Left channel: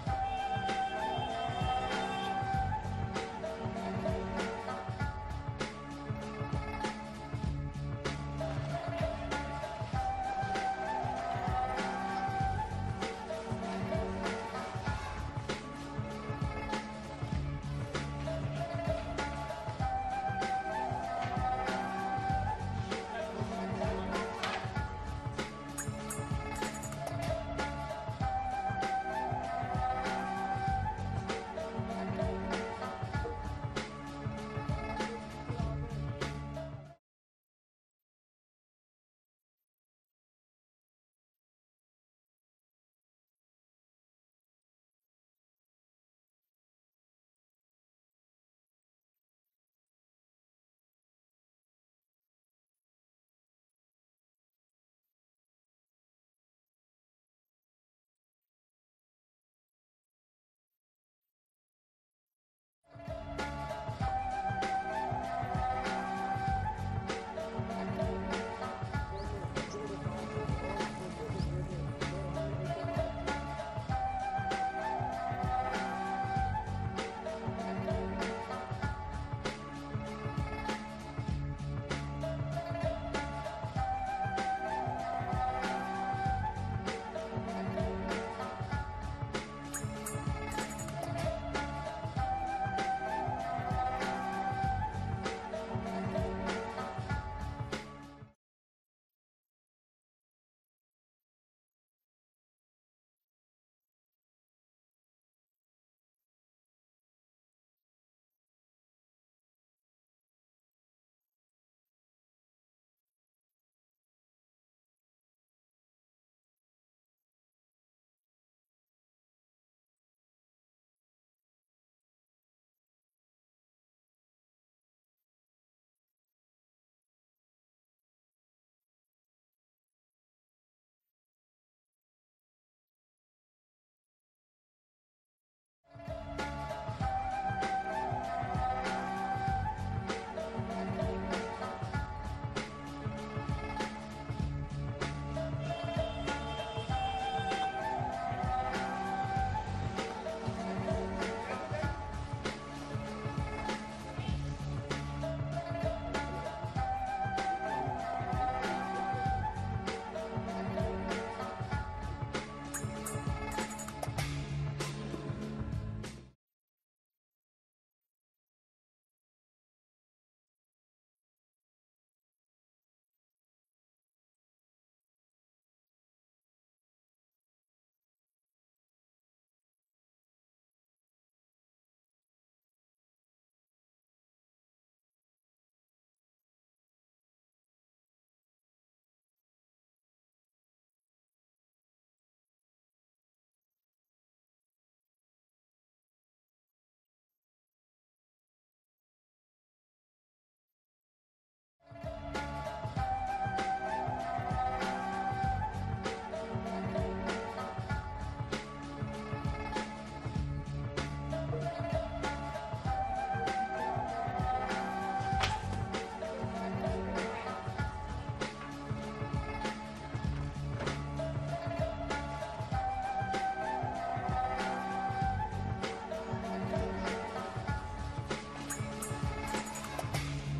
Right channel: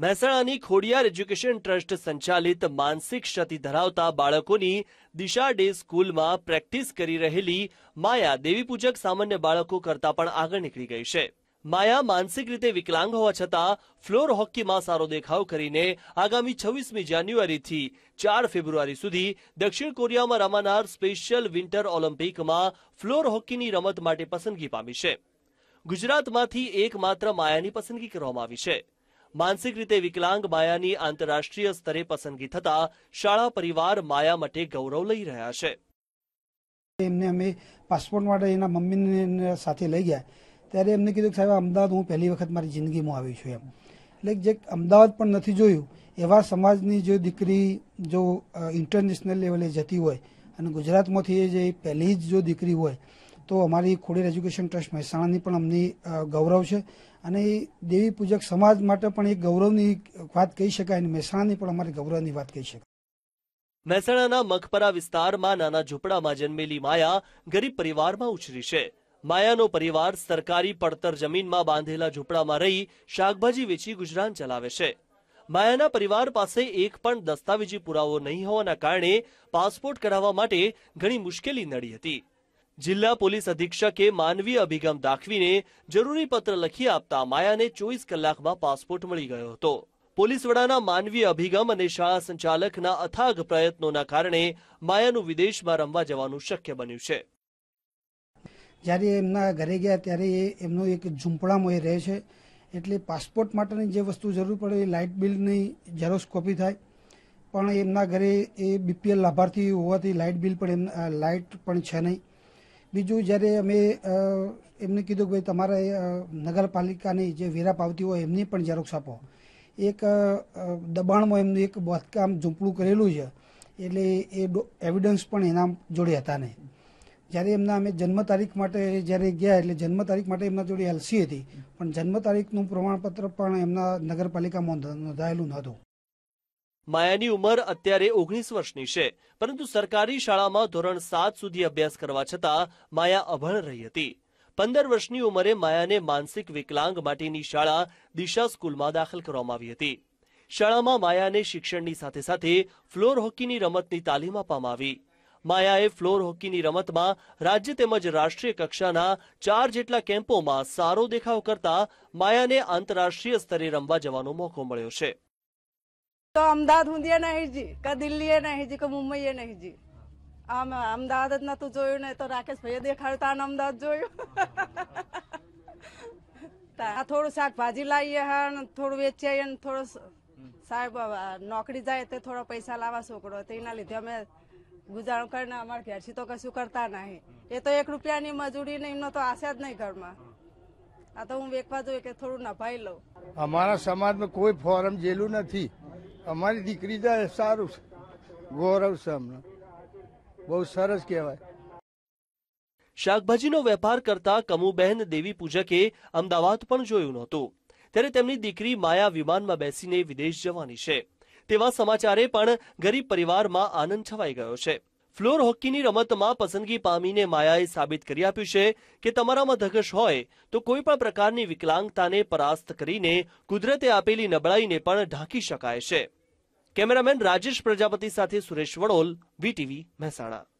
મહેસાણાની Khodiyar education trust સંચાલિત માનસિક ક્ષતિ ધરાવતા બાળકોની દિશા ડે સ્કૂલમાં પ્રેક્ટિસ કરી રહેલી માયા દેવી પૂજક સામાન્ય બાળકો કરતા પણ આગળ નીકળી ગઈ છે. માયા માનસિક રીતે વિકલાંગ હોવા છતાં ફ્લોર હોકીમાં સારો દેખાવ કરીને આગામી છવ્વીસમી જાન્યુઆરીથી ચાર ફેબ્રુઆરી સુધી દક્ષિણ કોરિયામાં રમાનાર સ્પેશિયલ વિન્ટર ઓલિમ્પિકમાં ફ્લોર હોકીની રમત માટે પસંદગી પામી છે. ગુજરાતમાંથી એકમાત્ર માયાની પસંદગી કરવામાં આવી છે. માનસિક રીતે વિકલાંગ માયાની આંતરરાષ્ટ્રીય સ્તરે પસંદગી થતા શાળા પરિવાર માયા માટે ગૌરવ લઈ રહ્યા છે. એમને અમે પાસપોર્ટ માટે એના મમ્મીને સાથે લઈ ગયા. ત્યારે એમને કીધું કે સાહેબ અમદાવાદ હું પહેલી વખત મારી જિંદગીમાં આવી છું એમ. એટલે જે અમદાવાદ પણ નથી જોયું, એવા સમાજની જો દીકરી જો ઇન્ટરનેશનલ લેવલે જતી હોય અને ગુજરાતમાંથી જે પહેલી જ જો દીકરી હોય, તો અમારી ખોડેર એજ્યુકેશન ટ્રસ્ટ મહેસાણાની પણ અમની ગૌરવ છે. અને એ દેવી પૂજક સમાજ માટે પણ એક ગૌરવની વાત કહી શકાય અને મહેસાણાની પણ અમારી ગૌરવની વાત કહી શકાય. મહેસાણાના મગપરા વિસ્તારમાં નાના ઝૂંપડામાં જન્મેલી માયા ગરીબ પરિવારમાં ઉછરી છે. માયાનો પરિવાર સરકારી પડતર જમીનમાં બાંધેલા ઝૂંપડામાં રહી શાકભાજી વેચી ગુજરાન ચલાવે છે. માયાના પરિવાર પાસે એક પણ દસ્તાવેજી પુરાવો નહીં હોવાના કારણે પાસપોર્ટ કઢાવવા માટે ઘણી મુશ્કેલી નડી હતી. જિલ્લા પોલીસ અધિક્ષકે માનવીય અભિગમ દાખવીને જરૂરી પત્ર લખી આપતા માયાને ચોવીસ કલાકમાં પાસપોર્ટ મળી ગયો હતો. પોલીસ વડાના માનવીય અભિગમ અને શાળા સંચાલકના અથાગ પ્રયત્નોના કારણે માયાનું વિદેશમાં રમવા જવાનું શક્ય બન્યું છે. જ્યારે એમના ઘરે ગયા ત્યારે એ એમનો એક ઝૂંપડામાં એ રહે છે, એટલે પાસપોર્ટ માટેની જે વસ્તુ જરૂર પડે એ લાઇટ બિલની ઝેરોસ કોપી થાય. પણ એમના ઘરે એ બીપીએલ લાભાર્થી હોવાથી લાઇટ બિલ પણ એમ લાઇટ પણ છે નહીં. બીજું જ્યારે અમે એમને કીધું કે ભાઈ તમારે નગરપાલિકાની જે વેરા પાવતી હોય એમની પણ ઝેરોક્ષ આપો. એક દબાણમાં એમનું એક બાંધકામ ઝૂંપડું કરેલું છે. એટલે એ એવિડન્સ પણ એના જોડે હતા નહીં. જ્યારે એમના અમે જન્મ તારીખ માટે જ્યારે ગયા, એટલે જન્મ તારીખ માટે એમના જોડે એલસી હતી. પણ જન્મ તારીખનું પ્રમાણપત્ર પણ એમના નગરપાલિકામાં નોંધાયેલું નહોતું. માયાની ઉંમર અત્યારે ઓગણીસ વર્ષની છે. પરંતુ સરકારી શાળામાં ધોરણ સાત સુધી અભ્યાસ કરવા છતાં માયા અભણ રહી હતી. પંદર વર્ષની ઉંમરે માયાને માનસિક વિકલાંગ માટેની શાળા દિશા સ્કૂલમાં દાખલ કરવામાં આવી હતી. શાળામાં માયાને શિક્ષણની સાથે સાથે ફ્લોર હોકીની રમતની તાલીમ આપવામાં આવી. માયાએ ફ્લોર હોકીની રમતમાં રાજ્ય તેમજ રાષ્ટ્રીય કક્ષાના ચાર જેટલા કેમ્પોમાં સારો દેખાવ કરતા માયાને આંતરરાષ્ટ્રીય સ્તરે રમવા જવાનો મોકો મળ્યો છે. તો અમદાવાદ હુંદીએ નહીં જી, કે દિલ્હીએ નહીં જી, કે મુંબઈએ નહીં જી. આમ અમદાવાદ જ નતું જોયું ને તો રાકેશ ભાઈએ દેખાડ્યું તાન અમદાવાદ જોયું. થોડું શાકભાજી લાવીએ હા થોડું વેચીએ ને થોડું સાહેબ નોકરી જાય તે થોડા પૈસા લાવવા છોકરો તેના લીધે અમે ગુજારો કરીને અમારા ઘેરથી તો કશું કરતા નહીં. એ તો એક રૂપિયાની મજૂરી ને એમનો તો આશા જ નહીં ઘરમાં. આ તો હું વેકવા જોઈએ કે થોડું નભાઈ લઉં. અમારા સમાજમાં કોઈ ફોરમ જેલું નથી. અમારી દીકરી જાય સારું છે. ગૌરવ છે અમને બહુ સરસ કહેવાય. શાકભાજીનો વેપાર કરતા કમુબહેન દેવી પૂજકે અમદાવાદ પણ જોયું નહોતું. ત્યારે તેમની દીકરી માયા વિમાનમાં બેસીને વિદેશ જવાની છે. તેવા સમાચારે પણ ગરીબ પરિવારમાં આનંદ છવાઈ ગયો છે. ફ્લોર હોકીની રમતમાં પસંદગી પામીને માયાએ સાબિત કરી આપ્યું છે કે તમારામાં ધગશ હોય તો કોઈ પણ પ્રકારની વિકલાંગતાને પરાસ્ત કરીને કુદરતે આપેલી નબળાઈને પણ ઢાંકી શકાય છે. કેમેરામેન રાજેશ પ્રજાપતિ સાથે સુરેશ વડોલ બીટીવી મહેસાણા.